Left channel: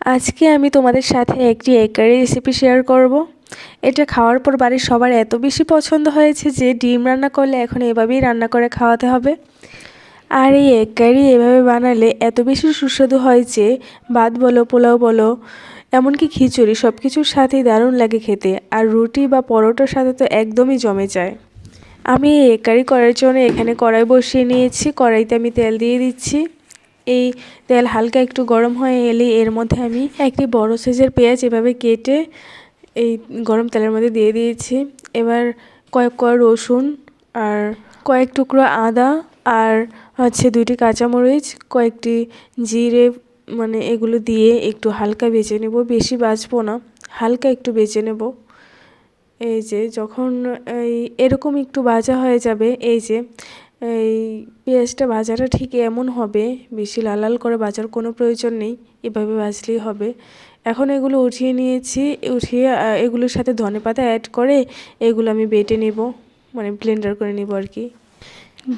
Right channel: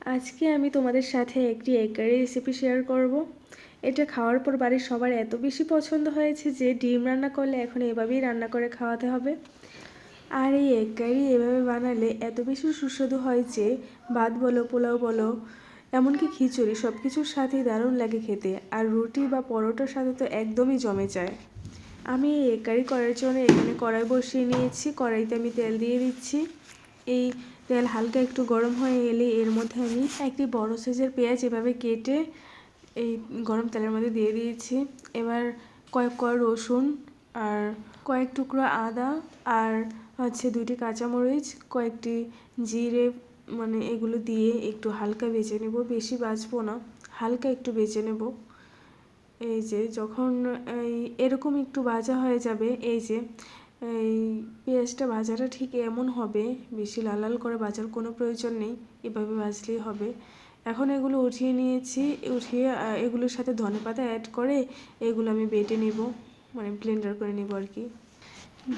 আজকে আমি তোমাদের সাথে একটি এগ কারি রেসিপি শেয়ার করব। এটা খাওয়ার পর বাড়ির সবার এত বেশি পছন্দ হয়েছে যে ডিম রান্না করলে এখন এভাবেই রান্না করে খাওয়াতে হবে। আর এই এগ কারি এভাবে বানালে এত বেশি সুস্বাদু হয় যে ভাত বলো, পোলাও বলো, এমনকি খিচুড়ি সব কিছুর সাথেই দারুণ লাগে খেতে। আর রুটি বা পরোটার সাথে তো একদমই জমে যায়। আমি এই এগ কারি করার জন্য এখানে কড়াই বসিয়ে নিয়েছি। কড়াইতে আমি তেল দিয়ে দিচ্ছি। এই তেল হালকা একটু গরম হয়ে এলে এর মধ্যে আমি একটি বড় সাইজের পেঁয়াজ এভাবে কেটে এই গরম তেলের মধ্যে দিয়ে দিয়েছি। এবার কয়েক কোয়া রসুন আর কয়েক টুকরো আদা আর হচ্ছে 2টি কাঁচামরিচ, কয়েকটি জিরে, মানে এগুলো দিয়ে একটু হালকা ভেজে নেব। বেশি ভাজবো না, হালকা একটু ভেজে নেব। এই যে যখন এরকম একটু ভাজা হয়ে যাবে, এই যে এই পেঁয়াজটা ভাজাটা ঠিক এমন হবে, বেশি লাল লাল করে ভাজার কোনো প্রয়োজন নেই, এভাবে ভাজলেই হবে। এখন এগুলো উঠিয়ে নিয়েছি। উঠিয়ে এগুলোর সাথে ধনেপাতা অ্যাড করে এগুলো আমি বেটে নেব, মানে ব্লেন্ডার করে নেব আর কি।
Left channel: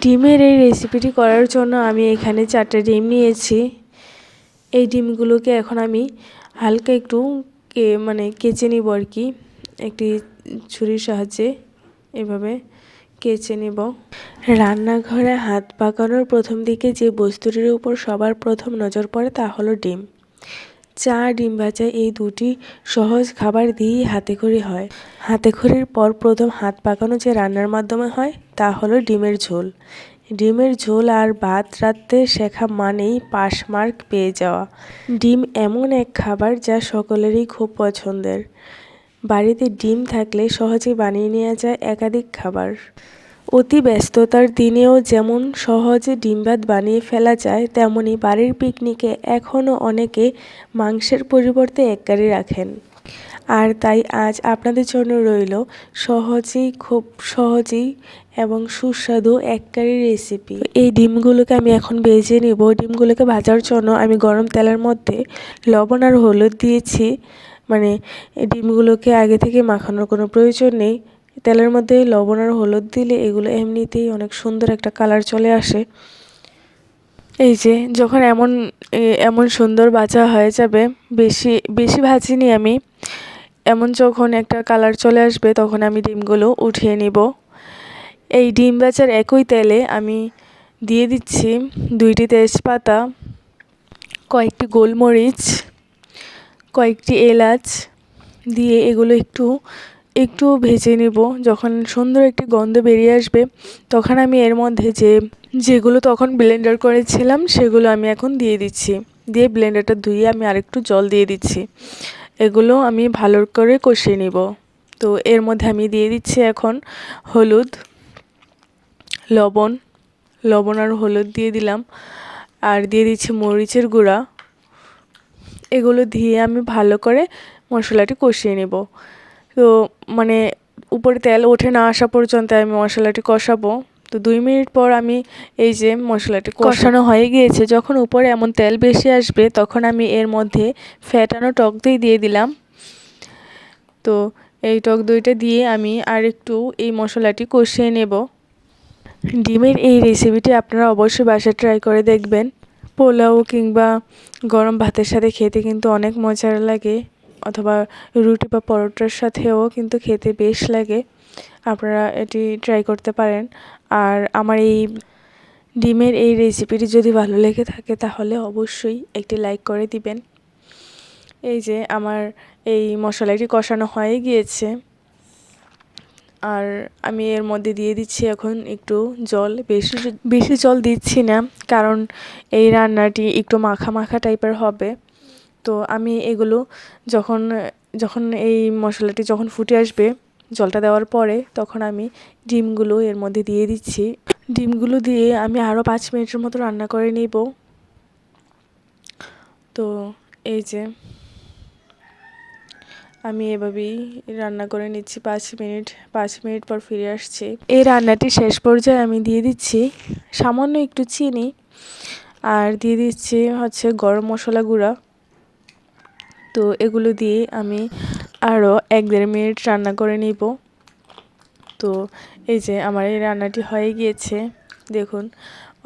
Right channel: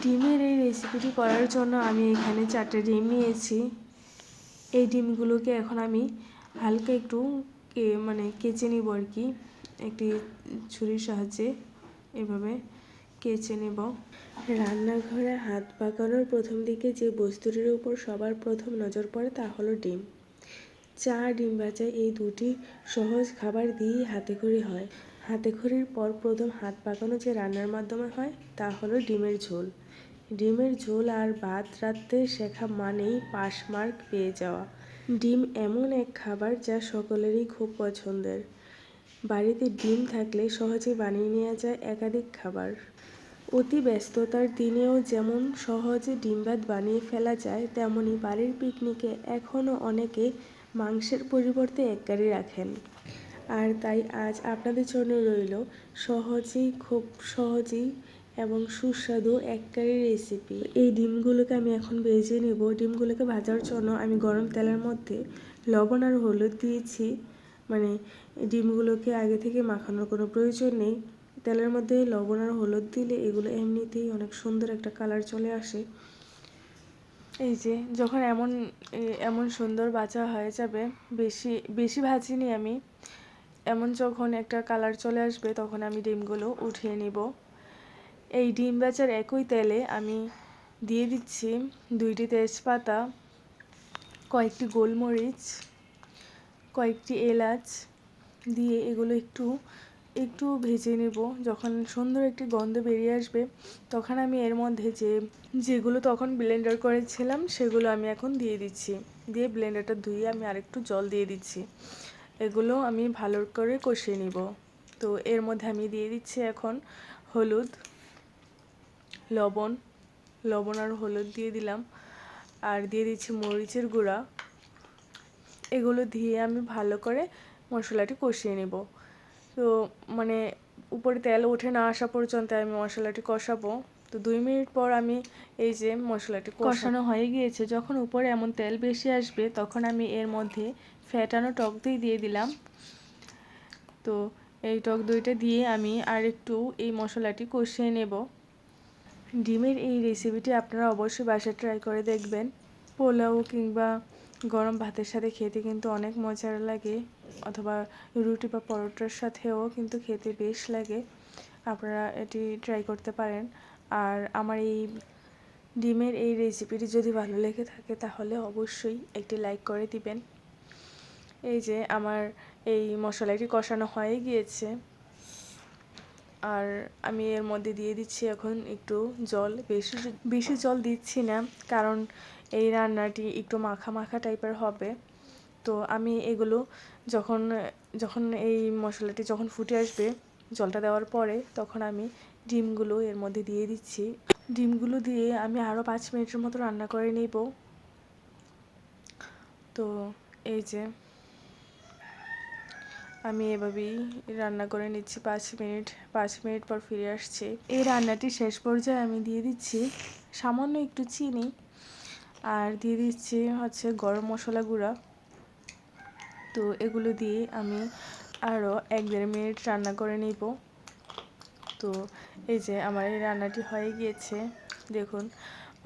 ডিমের এই রেসিপিটি করার জন্য আমি এখানে 4টে ডিম নিয়েছি। এই ডিমগুলোকে এখন আমি হালকা একটু কেচে নিব আর কি, একটি ছুরির সাহায্যে এভাবে কেচে নেব। রান্নাঘরে হাত পাকানোর প্রথম দিকে যে বস্তুটির উপর সবার প্রথম নজর পড়ে তা হলো ডিম। চা, ডিম ভাজা এই দুটি সহজ খাবার দিয়েই হাতেখড়ি হয়। হাতেখড়ির পর প্রথম হাত পাকানো যে রান্নার মাধ্যমে হয় তা হলো ডিমের ঝোল। ডিমের ঝোল আর ভাত রাঁধতে শেখা মানেই পাশ মার্ক পেয়ে যাওয়া। ডিম এমন এক খাবার যা সকলেরই খুব পছন্দের। বাড়িতে ডিম থাকলে সহজেই বানিয়ে নেওয়া যায় একাধিক খাবার। অতি ব্যস্ততার দিনেও যেমন সহজে ডিম ভাত বানিয়ে ফেলা যায়, তেমনি বাড়ির পিকনিকে এখনও অনেকে মাংসের পরিবর্তে এগ কারি রাখেন। আর তাই আজ আপনাদের জন্য রইল খুব সহজেই এবং সুস্বাদু এগ কারি রেসিপি। এই ডিমগুলোকে আমি এখন ভেজে নেব। ডিমগুলোকে ভাজার জন্য আমি গরম তেলের মধ্যে লবণ আর হলুদ দিয়েছি। মানে ডিমগুলোকে আগে থেকে মাখানোর কোনো প্রয়োজন নেই। তেলের মধ্যে লবণ আর হলুদ দিলে এগুলো এমনিতেই অনেক সুন্দর একটা কালার চলে আসে। এই যে যখন এমন সুন্দর ভাজা হয়ে যাবে, বেশি বেশি ভাজিনি আমি, এমন যখন একটা কালার চলে আসবে তখন আমি ডিমগুলো উঠিয়ে নিব। এই ডিম ভাজার একই তেলে আমি দিয়ে দিচ্ছি 2টি তেজপাতা, কয়েকটি গোলমরিচ, কয়েকটি এলাচ দিয়ে এগুলো একটু ভেজে নেব। যখন সুন্দর একটি গন্ধ বেরিয়ে আসবে তখন আমি এর মধ্যে যেগুলো তখন ব্লেন্ডার করেছিলাম সেগুলো আমি এখন দিয়ে দিচ্ছি। দিয়ে ব্লেন্ডারটা ধুয়ে আমি আরেকটু জল দিয়ে দিচ্ছি। এগুলো আমি ভালো করে কষিয়ে নিব। তো এর মধ্যে আমি দিয়ে দিচ্ছি এখন হলুদ, লবণ আর হলুদ দিয়ে দিলাম। আর দিয়ে দিচ্ছি মরিচের গুঁড়া। এগুলো দিয়ে আমি ভালো করে মশলাটি কষিয়ে নেব। তো উপরে তেল ওঠে না আসা পর্যন্ত আমি মশলাটি কষাবো। তো 2 মিনিট পর আমি এই যে মশলাটি কষানো হয়ে গিয়েছে, যখন উপরে এমন তেল বেশি আসবে তখন আমি এর মধ্যে ফ্যাটানো টক দই দিয়ে দিলাম। তো এই টক দইটা দিয়ে আমি আর একটু এই মশলাটি কষিয়ে নেব। ডিমের এই রেসিপিটি আপনারা অবশ্যই বাসায় ট্রাই করে দেখবেন। পোলাও কিংবা গরম ভাতের সাথে খেতে কিন্তু অনেক মজার লাগে, অথবা রুটি বা পরোটার সাথেও কিন্তু খেতে বেশ লাগে। আপনারা এটি ট্রাই করতে পারেন। আর আমার এই ডিমের এই রেসিপিটি যদি ভালো লেগে থাকে তাহলে অবশ্যই একটি লাইক করে দিবেন। এই যে আমার এই মশলাটি কষানো হয়ে গিয়েছে, আর আমি এর মধ্যে দিয়ে দিচ্ছি এখন একটু জল। বেশি জল দিচ্ছি না, কারণ এই রান্নাটি একটু মাখা মাখা টাইপের হবে। তো আমি এগুলো যখন এই মশলাটি যখন ফুটে আসবে জলটা দেওয়ার পরে, তখন আমি ডিমগুলো এর মধ্যে দিয়ে দিচ্ছি। ডিমগুলো দিয়ে আমি আরও 5 মিনিটের মতো রান্না করে নিব। তো এই যে আমি এভাবেই রান্না করে নিচ্ছি 5 মিনিট পর ফিরে আসছি। এই রান্নাটি শেষ পর্যায়ে আমি দিয়ে দিচ্ছি সামান্য একটু চিনি, আর দিয়ে দিচ্ছি হচ্ছে গরম মশলা গুঁড়া। তো এগুলো দিয়ে আমি আরও 1-1.5 মিনিট রান্না করে নিব। তো এই যে আমার এই রান্নাটি হয়ে গিয়েছে, দেখুন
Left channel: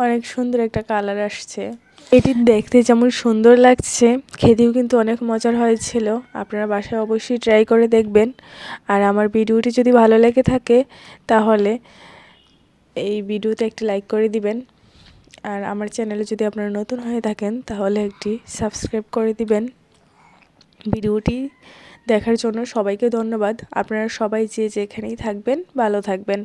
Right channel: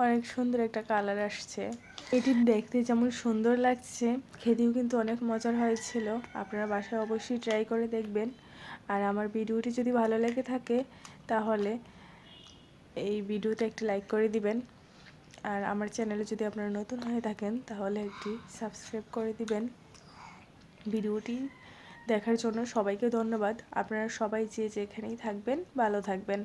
অনেক সুন্দর একটা কালার আসছে। এটি দেখতে যেমন সুন্দর লাগছে, খেতেও কিন্তু অনেক মজার হয়েছিল। আপনারা বাসায় অবশ্যই ট্রাই করে দেখবেন। আর আমার ভিডিওটি যদি ভালো লেগে থাকে তাহলে এই ভিডিওতে একটি লাইক করে দিবেন। আর আমার চ্যানেলে যদি আপনারা নতুন হয়ে থাকেন তাহলে একটি সাবস্ক্রাইব করে দিবেন। ভিডিওটি দেখার জন্য সবাইকে ধন্যবাদ। আপনারা সবাই যে যেখানেই থাকবেন ভালো থাকবেন।